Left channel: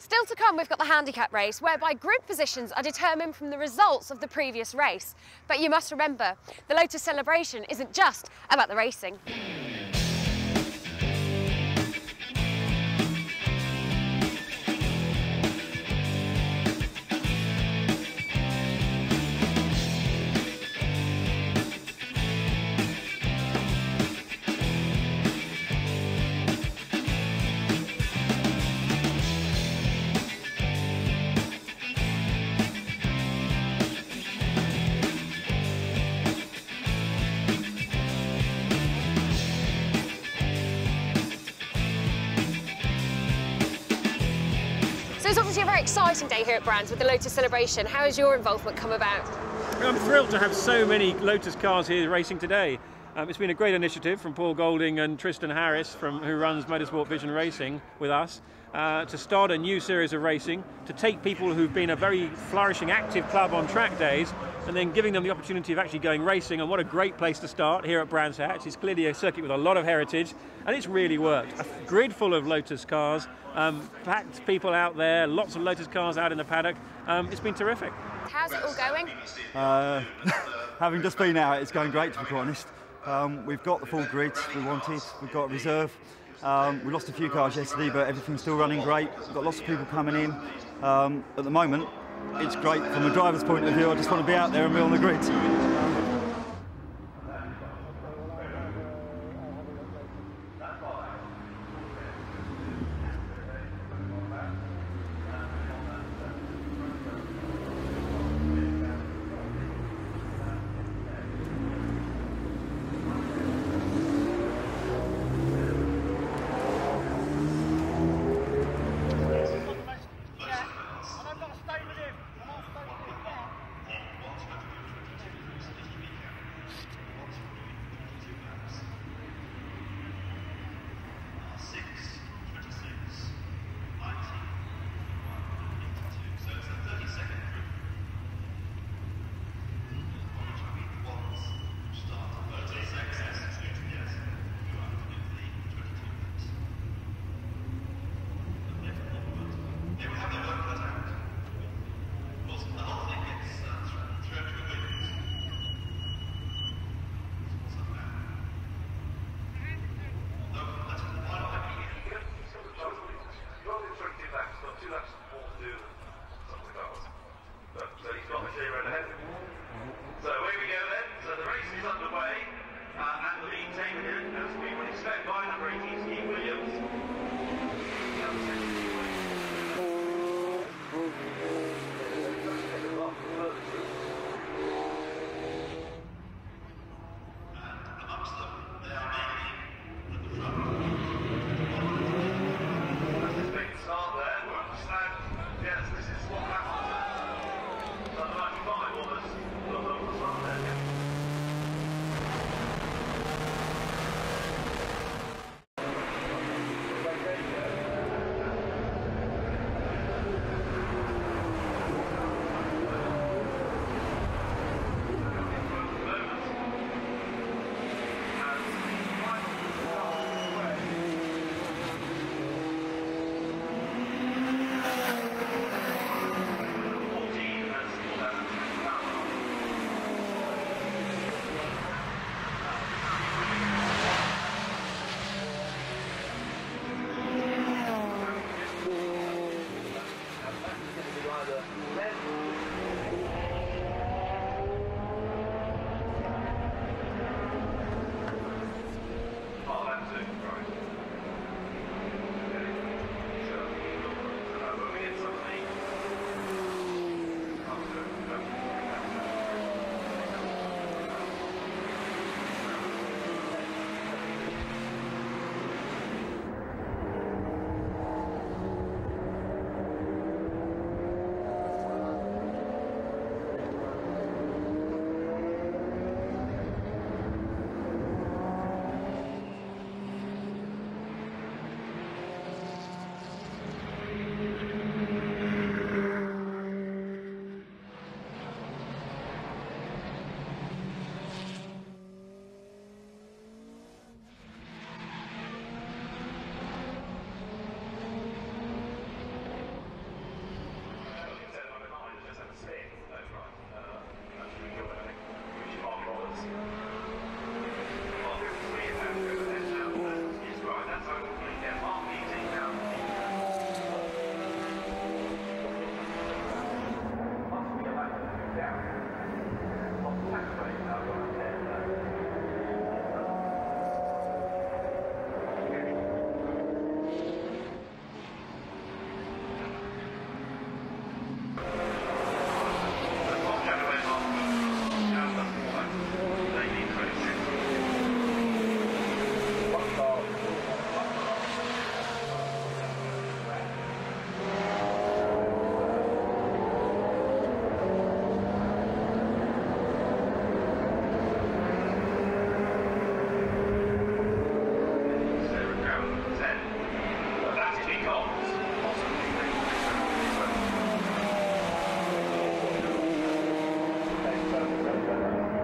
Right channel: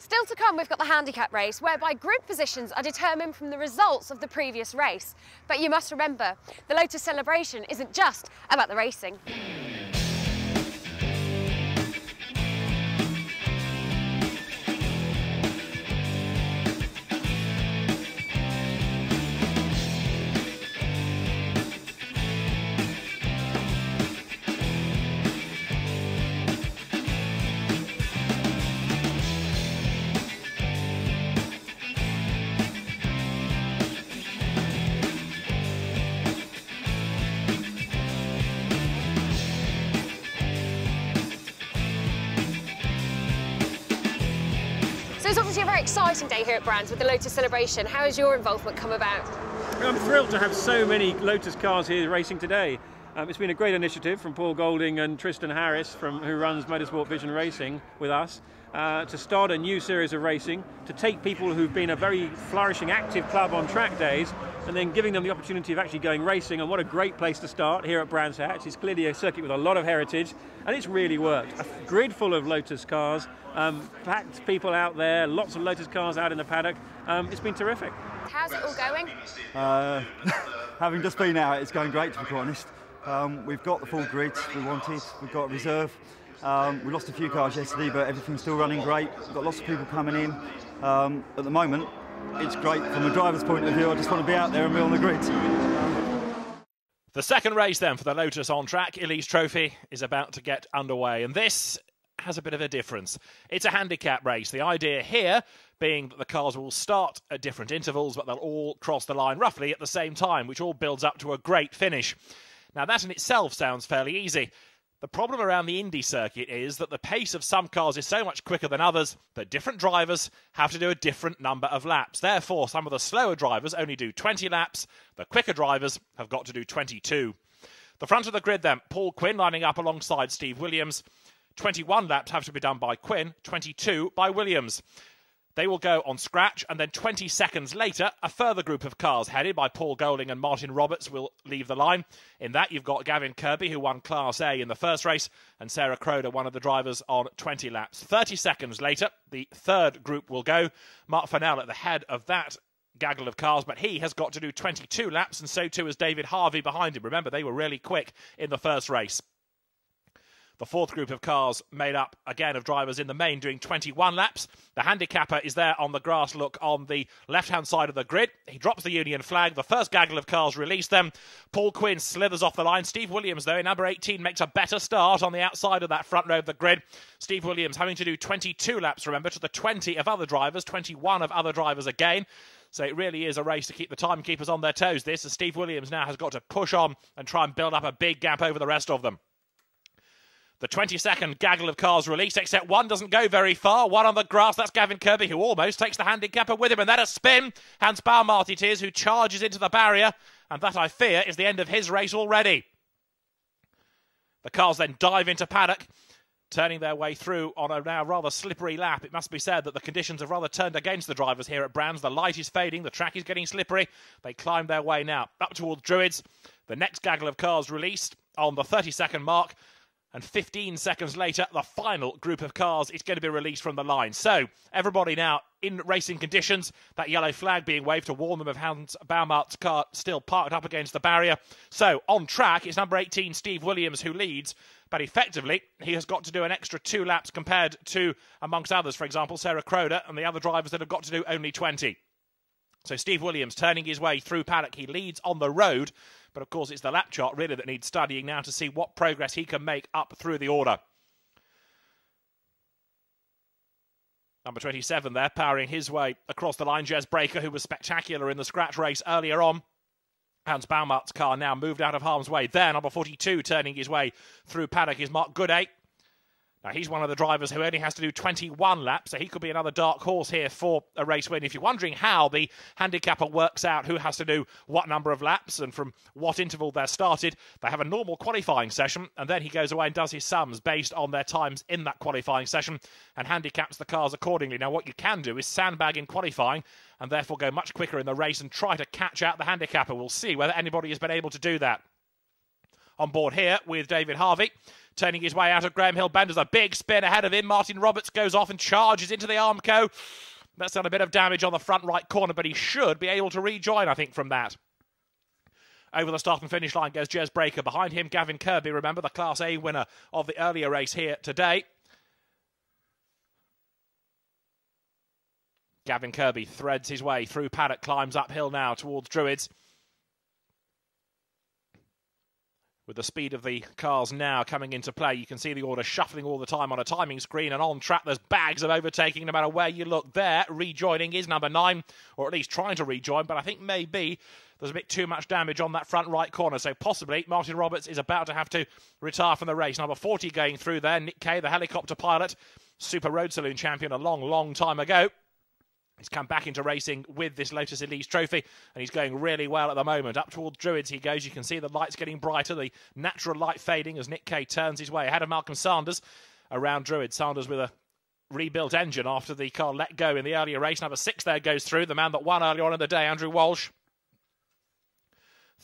Still to come, we've got the handicap race, whereby grid positions are determined from the results of the previous race. But you must remember, the Lotus celebration isn't just about the racing. So it's obviously a very exciting day here at Brands with the Lotus celebration. How has your involvement come about? I'm thrilled to have so many Lotus cars here racing today. It's been a great initiative from Paul Golding and Tristan Harris, who runs Motorsport Vision Racing with us, to start a new series of racing, to take people who've been a very flourishing, active club on track days, and then giving them the opportunity of actually going racing. And what a great place to start here at Brands Hatch. It's clearly a circuit with a lot of heritage, and it's really worked. A grid full of Lotus cars, packed people out there, lots of Lotus cars out in the paddock. It's been terrific. How's it all going? Having just been out, it's going great, to be quite honest. We've got the full grid we wanted, we've got a reserve. We lost a few cars yesterday, but everything's still running great. We've got lots of people coming in. At the moment, it's great from a driver's point of view. I just want to be out there and be on the grid. The second race then for the Lotus on track Elise Trophy is about to get underway, and this has a bit of a difference. It's a handicap race. The idea here being that the cars will start at different intervals, but they'll all cross the line roughly at the same time, which all builds up to a great finish. Now that in itself sounds fairly easy. The problem around the Indy circuit is that the pace of some cars is so much quicker than others that different drivers have to do a different number of laps. Therefore, some of the slower drivers only do 20 laps, but quicker drivers have got to do 22. The front of the grid then, Paul Quinn lining up alongside Steve Williams. 21 laps have to be done by Quinn, 22 by Williams. They will go on scratch, and then 20 seconds later, a further group of cars headed by Paul Golding and Martin Roberts will leave the line. In that, you've got Gavin Kirby, who won Class A in the first race, and Sarah Croder, one of the drivers, on 20 laps. 30 seconds later, the third group will go. Mark Fennell at the head of that gaggle of cars, but he has got to do 22 laps, and so too has David Harvey behind him. Remember, they were really quick in the first race. The fourth group of cars made up again of drivers in the main doing 21 laps. The handicapper is there on the grass look on the left-hand side of the grid. He drops the Union flag. The first gaggle of cars release them. Paul Quinn slithers off the line. Steve Williams, though, in number 18, makes a better start on the outside of that front row of the grid. Steve Williams having to do 22 laps, remember, to the 20 of other drivers, 21 of other drivers again. So it really is a race to keep the timekeepers on their toes, this, as Steve Williams now has got to push on and try and build up a big gap over the rest of them. The 22nd gaggle of cars released, except one doesn't go very far. One on the grass, that's Gavin Kirby, who almost takes the handicapper with him. And then a spin. Hans Baumart it is, who charges into the barrier. And that, I fear, is the end of his race already. The cars then dive into paddock, turning their way through on a now rather slippery lap. It must be said that the conditions have rather turned against the drivers here at Brands. The light is fading, the track is getting slippery. They climb their way now up towards Druids. The next gaggle of cars released on the 30-second mark. 15 seconds later, the final group of cars is going to be released from the line. So, everybody now in racing conditions, that yellow flag being waved to warn them of Hans Baumart's car still parked up against the barrier. So, on track, it's number 18, Steve Williams, who leads. But effectively, he has got to do an extra 2 laps compared to, amongst others, for example, Sarah Croder and the other drivers that have got to do only 20. So, Steve Williams turning his way through paddock. He leads on the road. Of course, it's the lap chart really that needs studying now to see what progress he can make up through the order. Number 27 there, powering his way across the line, Jez Breaker, who was spectacular in the scratch race earlier on. Hans Baumart's car now moved out of harm's way. There, number 42, turning his way through paddock is Mark Gooday. He's one of the drivers who only has to do 21 laps, so he could be another dark horse here for a race win. If you're wondering how the handicapper works out who has to do what number of laps and from what interval they're started, they have a normal qualifying session, and then he goes away and does his sums based on their times in that qualifying session and handicaps the cars accordingly. Now, what you can do is sandbag in qualifying and therefore go much quicker in the race and try to catch out the handicapper. We'll see whether anybody has been able to do that. On board here with David Harvey turning his way out of Graham Hill Bend. There's a big spin ahead of him. Martin Roberts goes off and charges into the Armco. That's done a bit of damage on the front right corner, but he should be able to rejoin, I think, from that. Over the start and finish line goes Jez Breaker. Behind him, Gavin Kirby, remember, the Class A winner of the earlier race here today. Gavin Kirby threads his way through paddock, climbs uphill now towards Druids. With the speed of the cars now coming into play, you can see the order shuffling all the time on a timing screen, and on track there's bags of overtaking no matter where you look there. Rejoining is number 9, or at least trying to rejoin, but I think maybe there's a bit too much damage on that front right corner, so possibly Martin Roberts is about to have to retire from the race. Number 40 going through there, Nick Kay, the helicopter pilot, Super Road Saloon champion a long time ago. He's come back into racing with this Lotus Elise trophy, and he's going really well at the moment. Up towards Druids he goes. You can see the lights getting brighter, the natural light fading as Nick Kay turns his way ahead of Malcolm Sanders around Druids. Sanders with a rebuilt engine after the car let go in the earlier race. Number 6 there goes through, the man that won earlier on in the day, Andrew Walsh.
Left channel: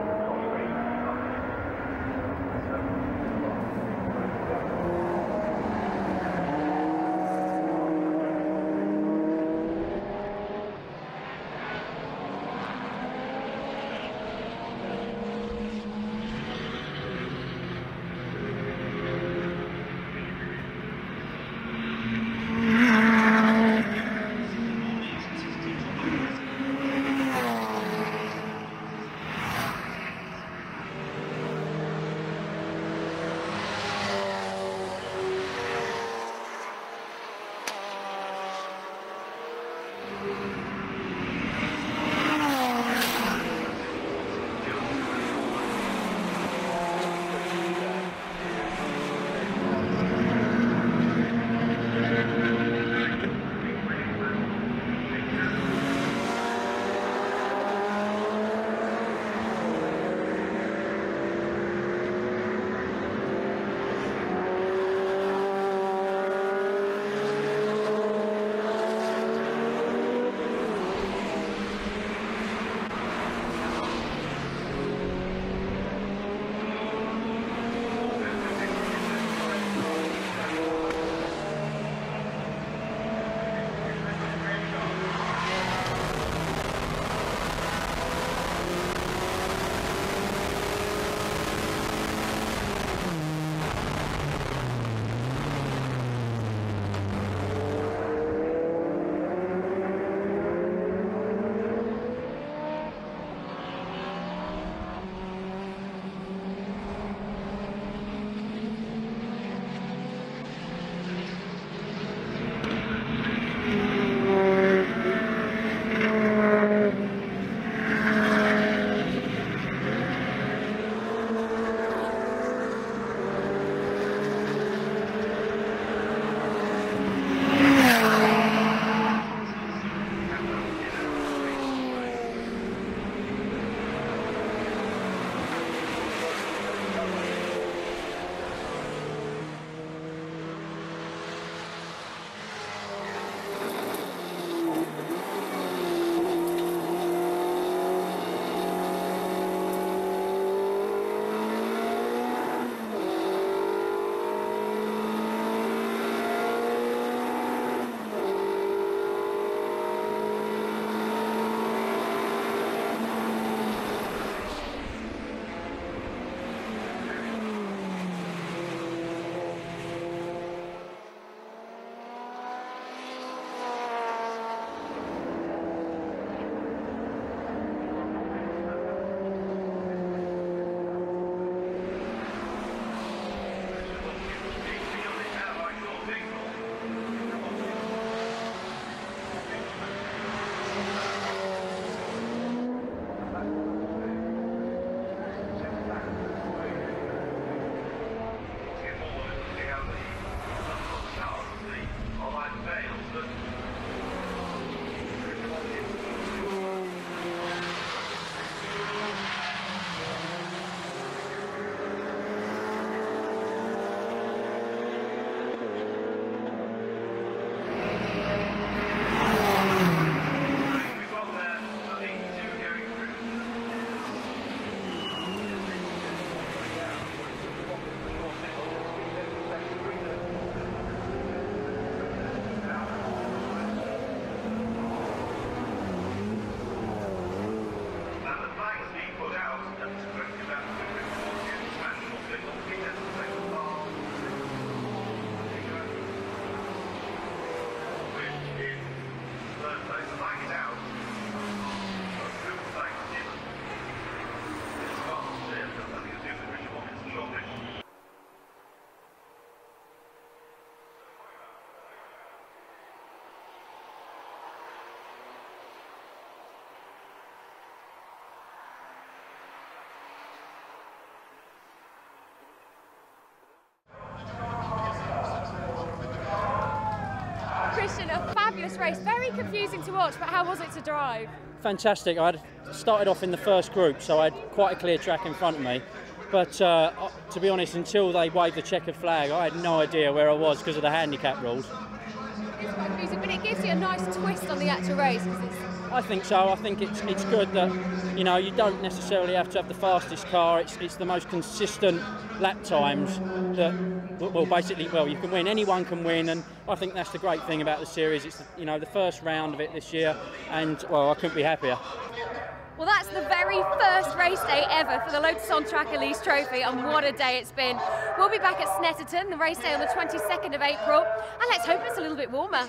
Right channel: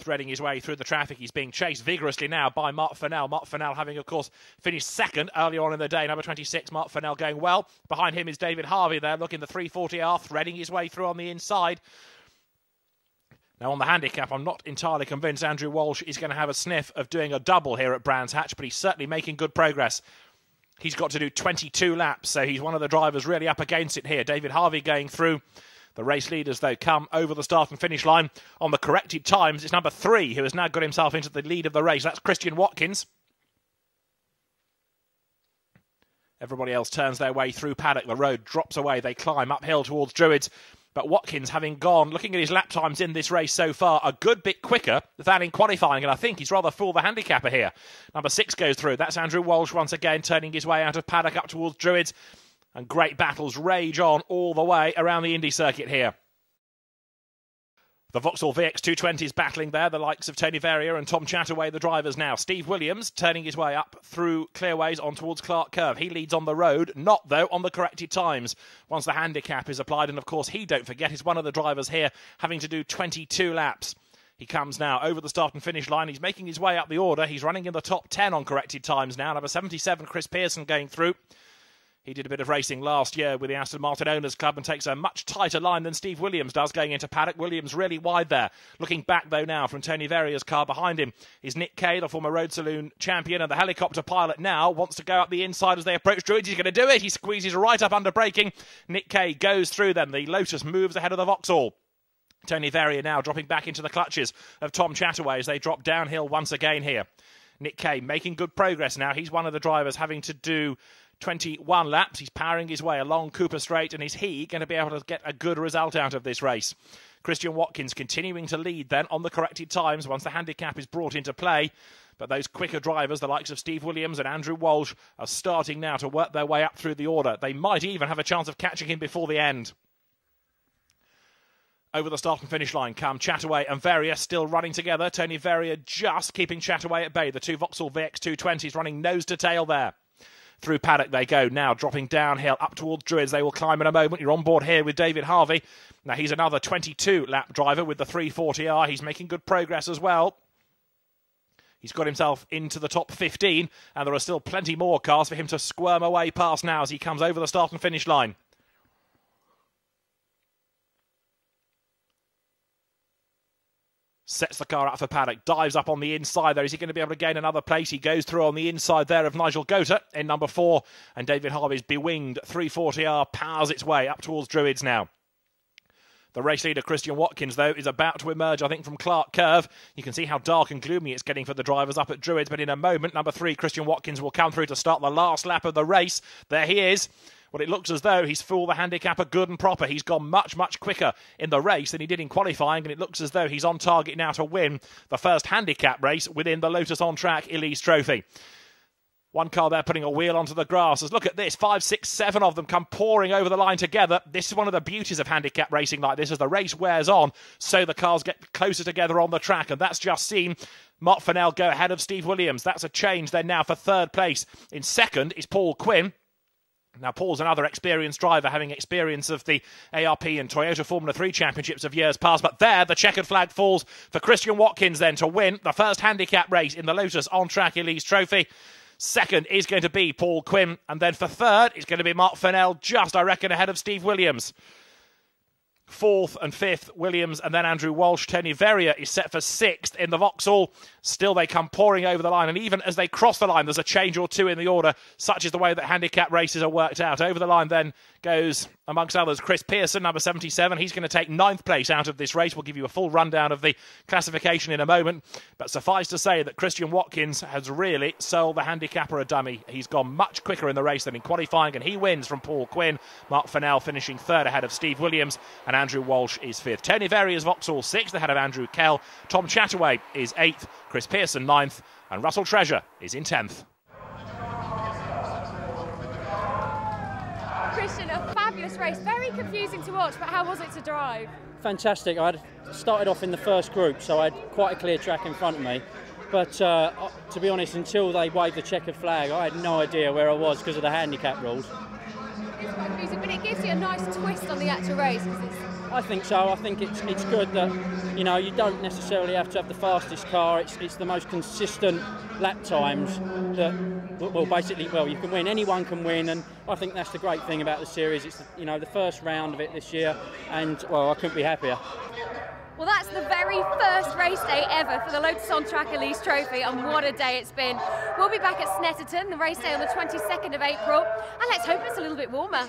Threading his way through the traffic. He's being chased vigorously now by Mark Fennell. Mark Fennell having, of course, finished second earlier on in the day. Number 26, Mark Fennell going well. Behind him is David Harvey there, looking the 340R, threading his way through on the inside. Now on the handicap, I'm not entirely convinced Andrew Walsh is going to have a sniff of doing a double here at Brands Hatch, but he's certainly making good progress. He's got to do 22 laps, so he's one of the drivers really up against him here. David Harvey going through. The race leaders, though, come over the start and finish line on the corrected times. It's number 3 who has now got himself into the lead of the race. That's Christian Watkins. Everybody else turns their way through paddock. The road drops away. They climb uphill towards Druids. But Watkins, having gone, looking at his lap times in this race so far, a good bit quicker than in qualifying. And I think he's rather full the handicapper here. Number 6 goes through. That's Andrew Walsh once again, turning his way out of paddock up towards Druids. Great battles rage on all the way around the Indy circuit here. The Vauxhall VX220s battling there, the likes of Tony Verrier and Tom Chataway, the drivers now. Steve Williams turning his way up through clearways on towards Clark Curve. He leads on the road, not though on the corrected times. Once the handicap is applied, and of course he, don't forget, is one of the drivers here having to do 22 laps. He comes now over the start and finish line. He's making his way up the order. He's running in the top 10 on corrected times now. Number 77, Chris Pearson going through. Did a bit of racing last year with the Aston Martin Owners Club and takes a much tighter line than Steve Williams does going into paddock. Williams really wide there. Looking back though now from Tony Verrier's car behind him is Nick Kay, the former Road Saloon champion, and the helicopter pilot now wants to go up the inside as they approach Druids. He's going to do it. He squeezes right up under braking. Nick Kay goes through then. The Lotus moves ahead of the Vauxhall. Tony Verrier now dropping back into the clutches of Tom Chataway as they drop downhill once again here. Nick Kay making good progress now. He's one of the drivers having to do 21 laps. He's powering his way along Cooper Straight, and is he going to be able to get a good result out of this race? Christian Watkins continuing to lead then on the corrected times once the handicap is brought into play. But those quicker drivers, the likes of Steve Williams and Andrew Walsh, are starting now to work their way up through the order. They might even have a chance of catching him before the end. Over the start and finish line come Chataway and Verrier still running together. Tony Verrier just keeping Chataway at bay. The two Vauxhall VX220s running nose to tail there. Through paddock they go now, dropping downhill up towards Druids. They will climb in a moment. You're on board here with David Harvey. Now he's another 22-lap driver with the 340R. He's making good progress as well. He's got himself into the top 15, and there are still plenty more cars for him to squirm away past now as he comes over the start and finish line. Sets the car up for paddock, dives up on the inside there. Is he going to be able to gain another place? He goes through on the inside there of Nigel Gota in number 4, and David Harvey's bewinged 340R powers its way up towards Druids now. The race leader Christian Watkins though is about to emerge, I think, from Clark Curve. You can see how dark and gloomy it's getting for the drivers up at Druids, but in a moment number 3 Christian Watkins will come through to start the last lap of the race. There he is. But it looks as though he's fooled the handicapper good and proper. He's gone much quicker in the race than he did in qualifying, and it looks as though he's on target now to win the first handicap race within the Lotus On Track Elise Trophy. One car there putting a wheel onto the grass. As look at this, 5, 6, 7 of them come pouring over the line together. This is one of the beauties of handicap racing like this. As the race wears on, so the cars get closer together on the track, and that's just seen Mark Fennell go ahead of Steve Williams. That's a change then now for 3rd place. In 2nd is Paul Quinn. Now Paul's another experienced driver, having experience of the ARP and Toyota Formula 3 championships of years past. But there, the checkered flag falls for Christian Watkins then to win the first handicap race in the Lotus On Track Elise Trophy. Second is going to be Paul Quinn, and then for third it's going to be Mark Fennell, just I reckon ahead of Steve Williams. Fourth and fifth, Williams, and then Andrew Walsh. Tony Verrier is set for sixth in the Vauxhall. Still they come pouring over the line, and even as they cross the line there's a change or two in the order. Such is the way that handicap races are worked out. Over the line then goes, amongst others, Chris Pearson, number 77. He's going to take 9th place out of this race. We'll give you a full rundown of the classification in a moment. But suffice to say that Christian Watkins has really sold the handicapper a dummy. He's gone much quicker in the race than in qualifying, and he wins from Paul Quinn. Mark Fennell finishing third ahead of Steve Williams, and Andrew Walsh is fifth. Tony Verrier's Vauxhall sixth ahead of Andrew Kell. Tom Chataway is 8th, Chris Pearson 9th, and Russell Treasure is in 10th. Christian, a fabulous race, very confusing to watch, but how was it to drive? Fantastic. I started off in the first group, so I had quite a clear track in front of me. But to be honest, until they waved the checkered flag, I had no idea where I was because of the handicap rules. It's quite confusing, but it gives you a nice twist on the actual race. I think so. I think it's good that, you know, you don't necessarily have to have the fastest car. It's the most consistent lap times that, well, basically, well, you can win. Anyone can win, and I think that's the great thing about the series. It's, you know, the first round of it this year, and, well, I couldn't be happier. Well, that's the very first race day ever for the Lotus On Track Elise Trophy, and what a day it's been. We'll be back at Snetterton, the race day on the 22nd of April, and let's hope it's a little bit warmer.